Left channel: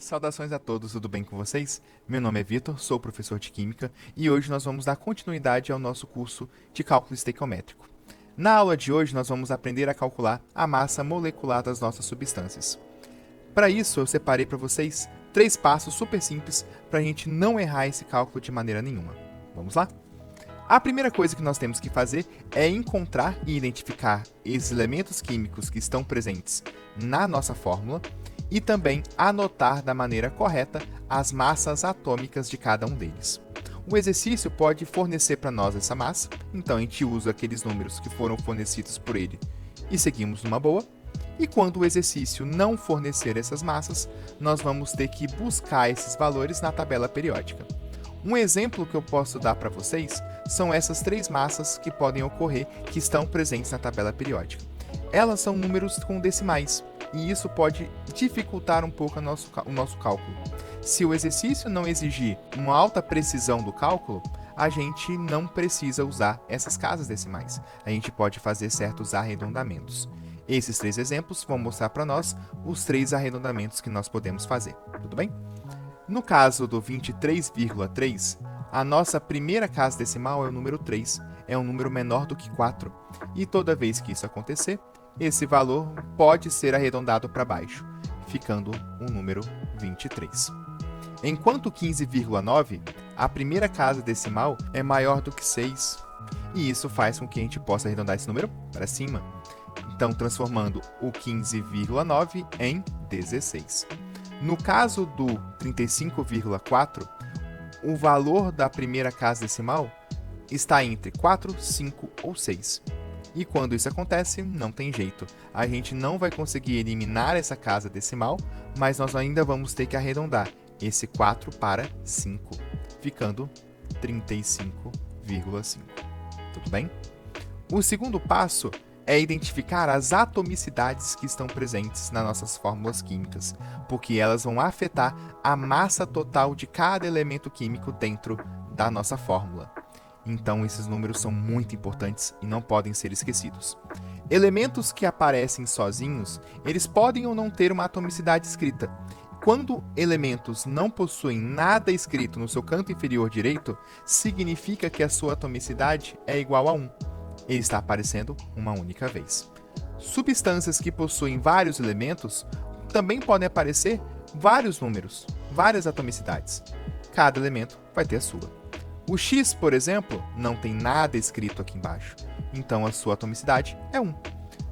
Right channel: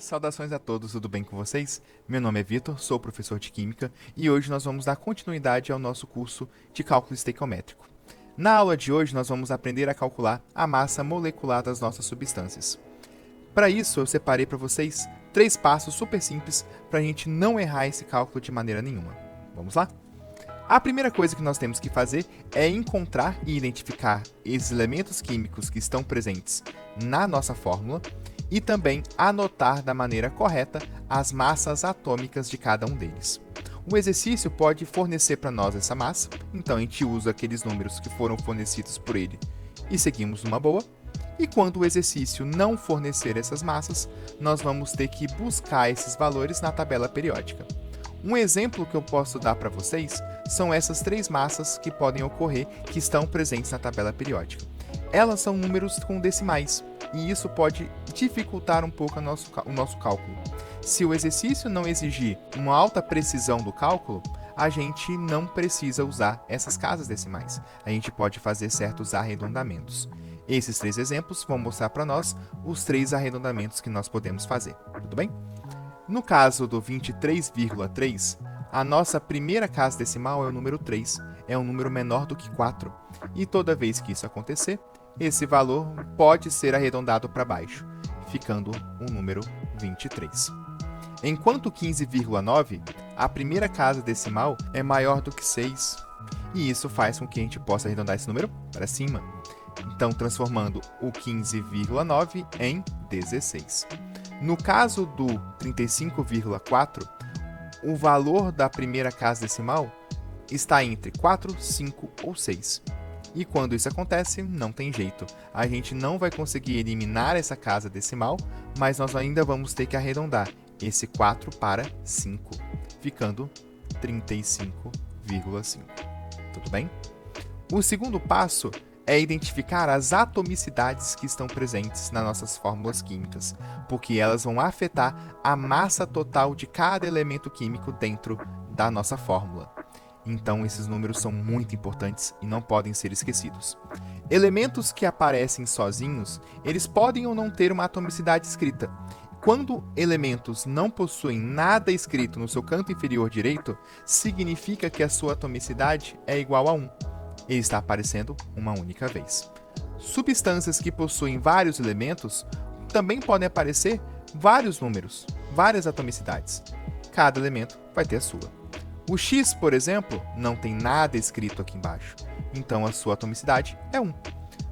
saudações a todos, tudo bem com vocês? Meu nome é Vitor, sou professor de Química e hoje nós vamos dar continuidade ao nosso curso de cálculo estequiométrico. Na aula de hoje nós vamos aprender a calcular a massa molecular das nossas substâncias. Para isso eu separei para vocês 3 passos super simples para a gente não errar esse cálculo de maneira nenhuma. Vamos lá? A primeira coisa que nós temos que fazer é encontrar e identificar esses elementos químicos que estão presentes na nossa fórmula e também anotar da maneira correta as massas atômicas de cada um deles. O exercício pode fornecer para nós essa massa, então a gente usa aqueles números que foram fornecidos por ele e seguimos numa boa. E quando o exercício não fornecer essas massas, nós vamos ter que buscar esses valores na tabela periódica. Um exemplo que eu posso dar para vocês são essas 3 massas que podem ocorrer que estão presentes na tabela periódica. Elas são números com decimais e isso pode dificultar um pouco o nosso cálculo. Se o exercício não exigir uma alta precisão do cálculo, a gente não precisa usar essas casas decimais. A gente pode fazer certos arredondamentos. Esses 3 exemplos vão mostrar para nós os 3 arredondamentos que nós podemos fazer. Tudo bem? No caso do 23,3, a nossa primeira casa decimal é o número 3, é um número menor do que 4. E toda vez que isso acontecer, esse valor pode ser arredondado para baixo, ficando o número 23. Enquanto 15,9, a primeira casa decimal é maior do que 6, e isso faz com que a gente possa arredondar esse número para cima. Então, transformando o 15,9 em 16. No caso do 35,4, o valor da primeira casa decimal está entre 4, 5 ou 6. E quando isso acontece, não tem jeito. A gente não vai conseguir eliminar essa casa decimal, mas nós ainda vamos ter que arredondar esse 4 para 5, ficando 35,5. Tudo bem? O segundo passo é identificar as atomicidades que estão presentes nas nossas fórmulas químicas, porque elas vão afetar a massa total de cada elemento químico dentro da nossa fórmula. Então, esses números são muito importantes e não podem ser esquecidos. Elementos que aparecem sozinhos, eles podem ou não ter uma atomicidade escrita. Quando elementos não possuem nada escrito no seu canto inferior direito, significa que a sua atomicidade é igual a 1. Ele está aparecendo uma única vez. Substâncias que possuem vários elementos também podem aparecer vários números, várias atomicidades. Cada elemento vai ter a sua. O X, por exemplo, não tem nada escrito aqui embaixo, então a sua atomicidade é 1.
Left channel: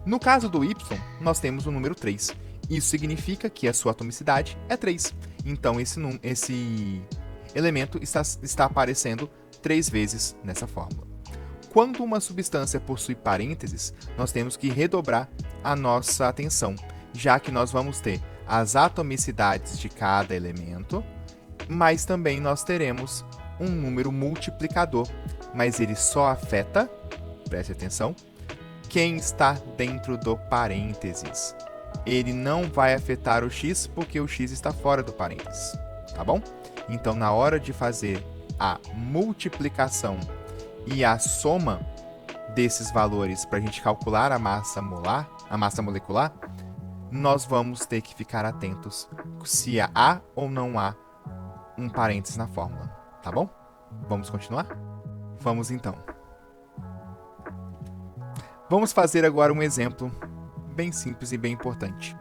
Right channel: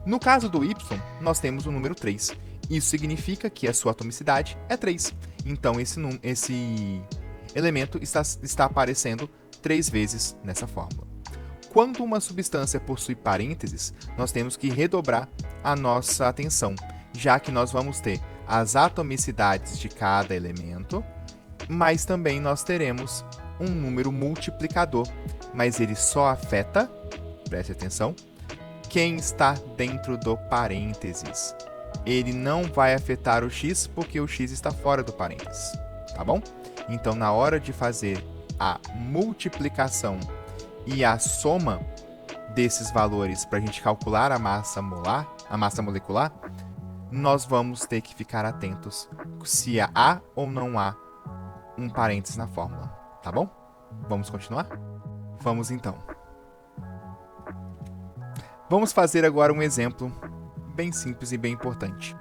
No caso do Y, nós temos o número 3. Isso significa que a sua atomicidade é 3. Então esse elemento está aparecendo 3 vezes nessa fórmula. Quando uma substância possui parênteses, nós temos que redobrar a nossa atenção, já que nós vamos ter as atomicidades de cada elemento, mas também nós teremos um número multiplicador, mas ele só afeta, preste atenção, quem está dentro do parênteses. Ele não vai afetar o x porque o x está fora do parênteses, tá bom? Então, na hora de fazer a multiplicação e a soma desses valores para a gente calcular a massa molecular, nós vamos ter que ficar atentos se há ou não há um parênteses na fórmula, tá bom? Vamos continuar? Vamos então. Vamos fazer agora um exemplo bem simples e bem importante.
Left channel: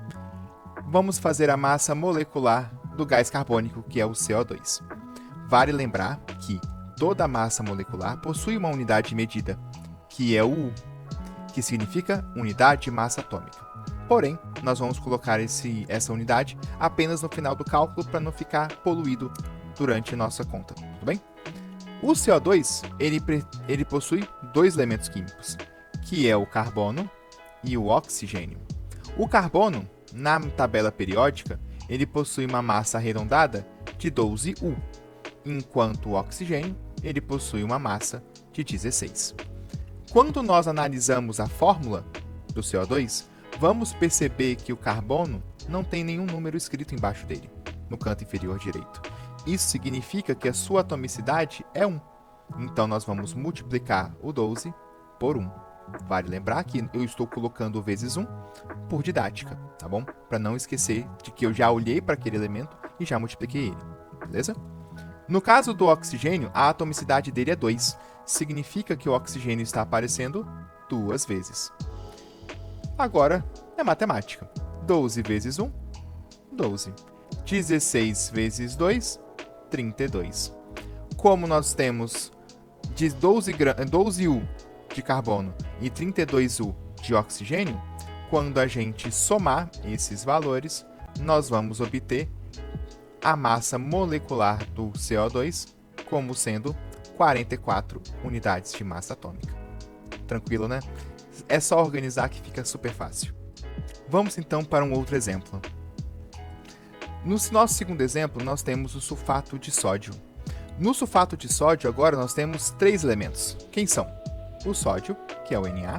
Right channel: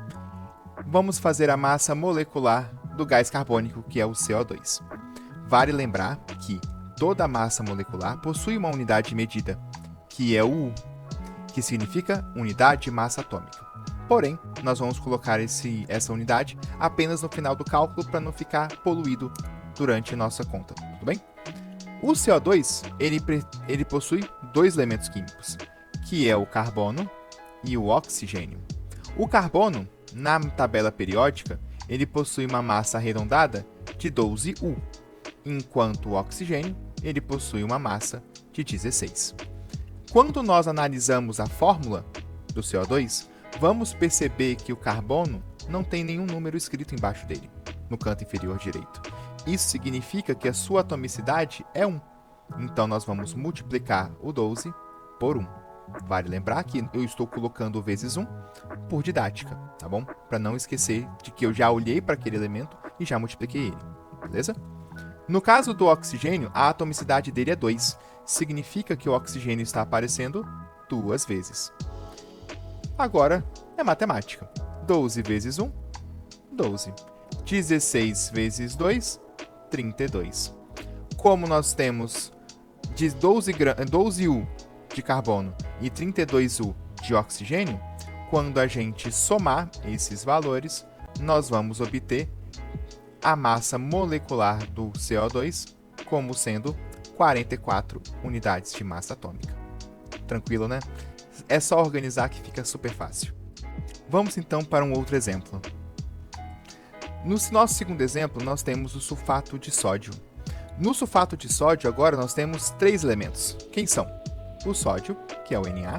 Vamos fazer a massa molecular do gás carbônico, que é o CO2. Vale lembrar que toda massa molecular possui uma unidade de medida, que é o U, que significa unidade de massa atômica. Porém, nós vamos colocar essa unidade apenas no final do cálculo para não ficar poluído durante a nossa conta, tudo bem? O CO2, ele possui 2 elementos químicos, que é o carbono e o oxigênio. O carbono, na tabela periódica, ele possui uma massa arredondada de 12U, enquanto o oxigênio ele possui uma massa de 16. Quando nós analisamos a fórmula do CO2, vamos perceber que o carbono não tem nenhum número escrito embaixo dele, no canto inferior direito. Isso significa que a sua atomicidade é 1. Então, nós vamos multiplicar o 12 por 1. Vale lembrar que eu estou colocando vezes 1 por didática, tá bom? Para não esquecer de que eu já olhei para aquele elemento e já multipliquei ele, beleza? No caso do oxigênio, a atomicidade dele é 2. Significa que o oxigênio está aparecendo 2 vezes. Agora é matemática. 12 vezes 1, 12. 16 vezes 2, 32. Como nós temos de 12 U de carbono e 32 U de oxigênio, quando a gente somar esses valores, nós vamos obter a massa molecular do CO2 como sendo 44 unidades de massa atômica. Tranquilo, né? É só organizar que fica super fácil. Vamos então para um outro exemplo. No nosso segundo exemplo, nós temos o sulfato de sódio. No sulfato de sódio, agora nós temos 3 elementos. Quem são? O sódio, que é o Na,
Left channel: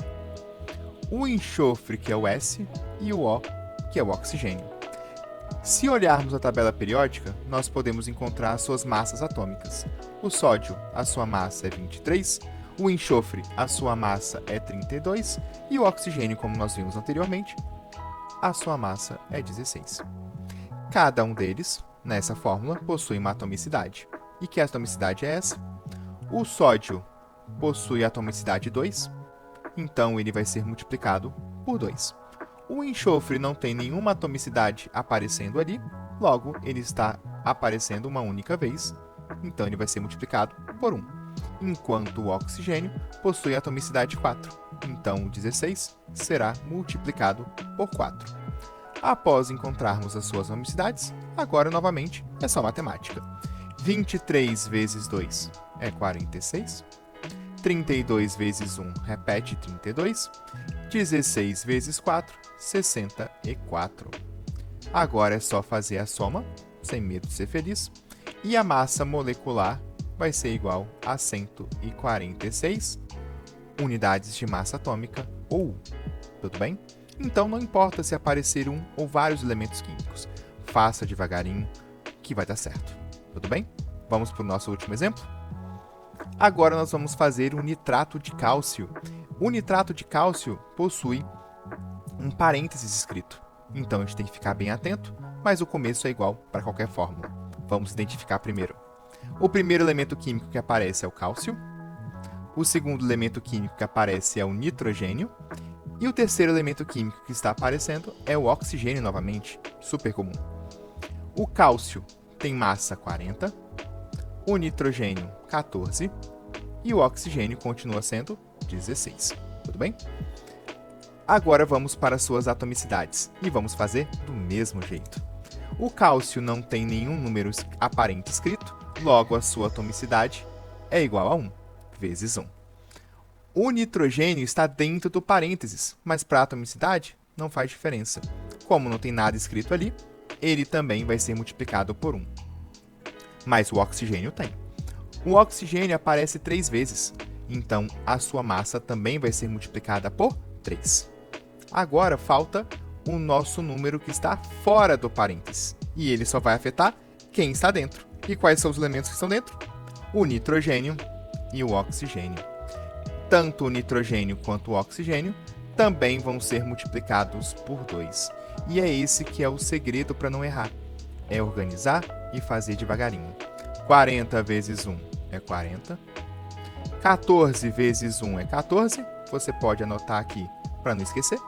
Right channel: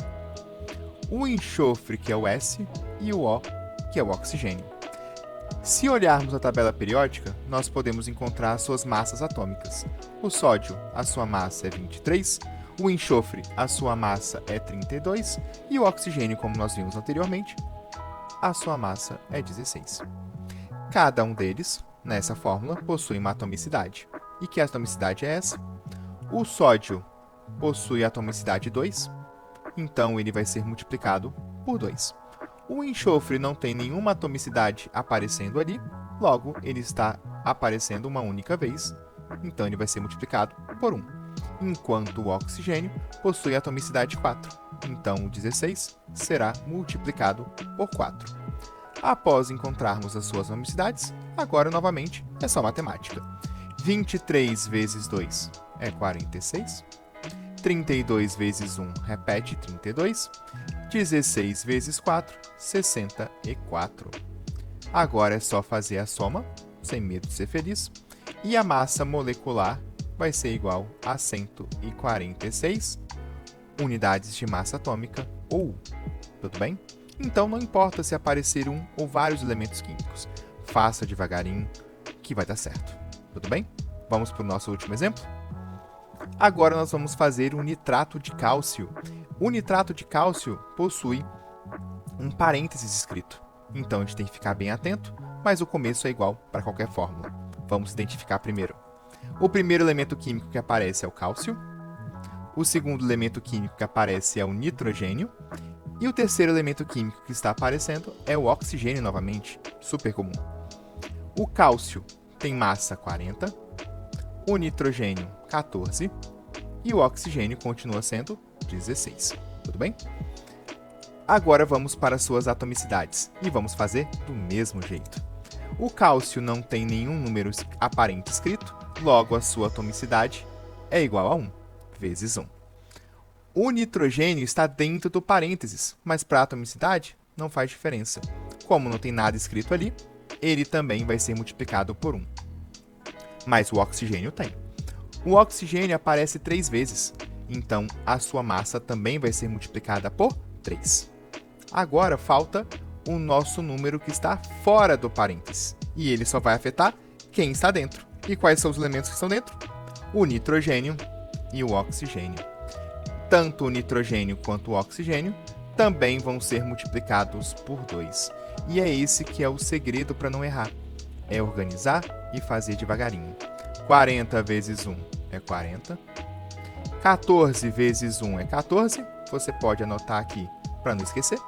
o enxofre, que é o S, e o O, que é o oxigênio. Se olharmos a tabela periódica, nós podemos encontrar as suas massas atômicas. O sódio, a sua massa é 23, o enxofre, a sua massa é 32, e o oxigênio, como nós vimos anteriormente, a sua massa é 16. Cada um deles, nessa fórmula, possui uma atomicidade. E que atomicidade é essa? O sódio possui atomicidade 2, então ele vai ser multiplicado por 2. O enxofre não tem nenhuma atomicidade aparecendo ali, logo ele está aparecendo uma única vez, então ele vai ser multiplicado por 1. Enquanto o oxigênio possui atomicidade 4, então 16 será multiplicado por 4. Após encontrarmos as suas atomicidades, agora novamente é só matemática. 23 vezes 2 é 46. 32 vezes 1 repete 32. 16 vezes 4, 64. Agora é só fazer a soma, sem medo de ser feliz. E a massa molecular vai ser igual a 146 unidades de massa atômica, ou, tudo bem? Então não importa se aparecer um ou vários elementos químicos. Faça devagarinho que vai dar certo. Tudo bem? Vamos para o nosso último exemplo? Agora nós vamos fazer o nitrato de cálcio. O nitrato de cálcio possui um parênteses escrito. Então a gente tem que ficar bem atento, mas o começo é igual para qualquer fórmula. Vamos identificar primeiro. O primeiro elemento químico que aparece é o cálcio. O segundo elemento químico que aparece é o nitrogênio. E o terceiro elemento químico que está aparecendo é o oxigênio novamente, super comum. O cálcio tem massa 40, o nitrogênio 14 e o oxigênio continua sendo 16. Tudo bem? Agora vamos para suas atomicidades e vamos fazer do mesmo jeito. O cálcio não tem nenhum número aparente escrito, logo a sua atomicidade é igual a 1 vezes 1. O nitrogênio está dentro do parênteses, mas para a atomicidade não faz diferença. Como não tem nada escrito ali, ele também vai ser multiplicado por 1. Mas o oxigênio tem. O oxigênio aparece 3 vezes, então a sua massa também vai ser multiplicada por 3. Agora falta o nosso número que está fora do parênteses, e ele só vai afetar quem está dentro. E quais são os elementos que estão dentro? O nitrogênio e o oxigênio. Tanto o nitrogênio quanto o oxigênio também vão ser multiplicados por 2. E é esse que é o segredo para não errar. É organizar e fazer devagarinho. 40 vezes 1 é 40. 14 vezes 1 é 14. Você pode anotar aqui para não esquecer.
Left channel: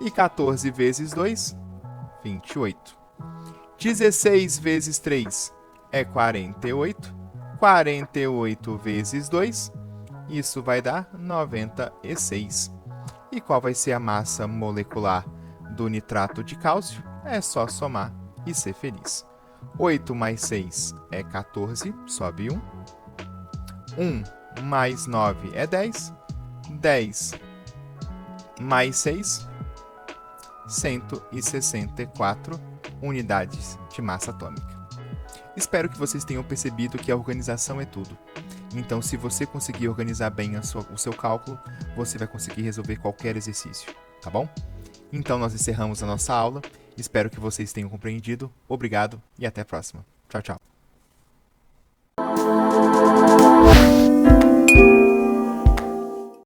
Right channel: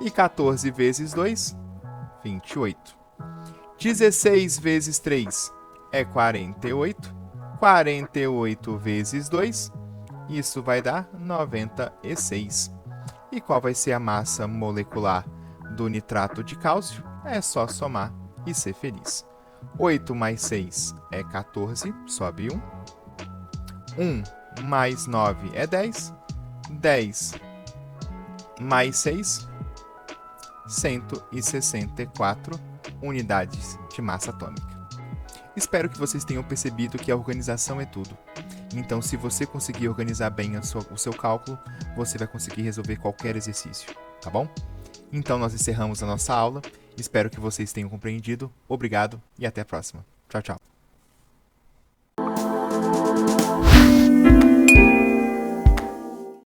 E 14 vezes 2, 28. 16 vezes 3 é 48. 48 vezes 2, isso vai dar 96. E qual vai ser a massa molecular do nitrato de cálcio? É só somar e ser feliz. 8 mais 6 é 14, sobe 1. 1 mais 9 é 10. 10 mais 6, 164 unidades de massa atômica. Espero que vocês tenham percebido que a organização é tudo. Então, se você conseguir organizar bem o seu cálculo, você vai conseguir resolver qualquer exercício, tá bom? Então, nós encerramos a nossa aula. Espero que vocês tenham compreendido. Obrigado e até a próxima. Tchau, tchau.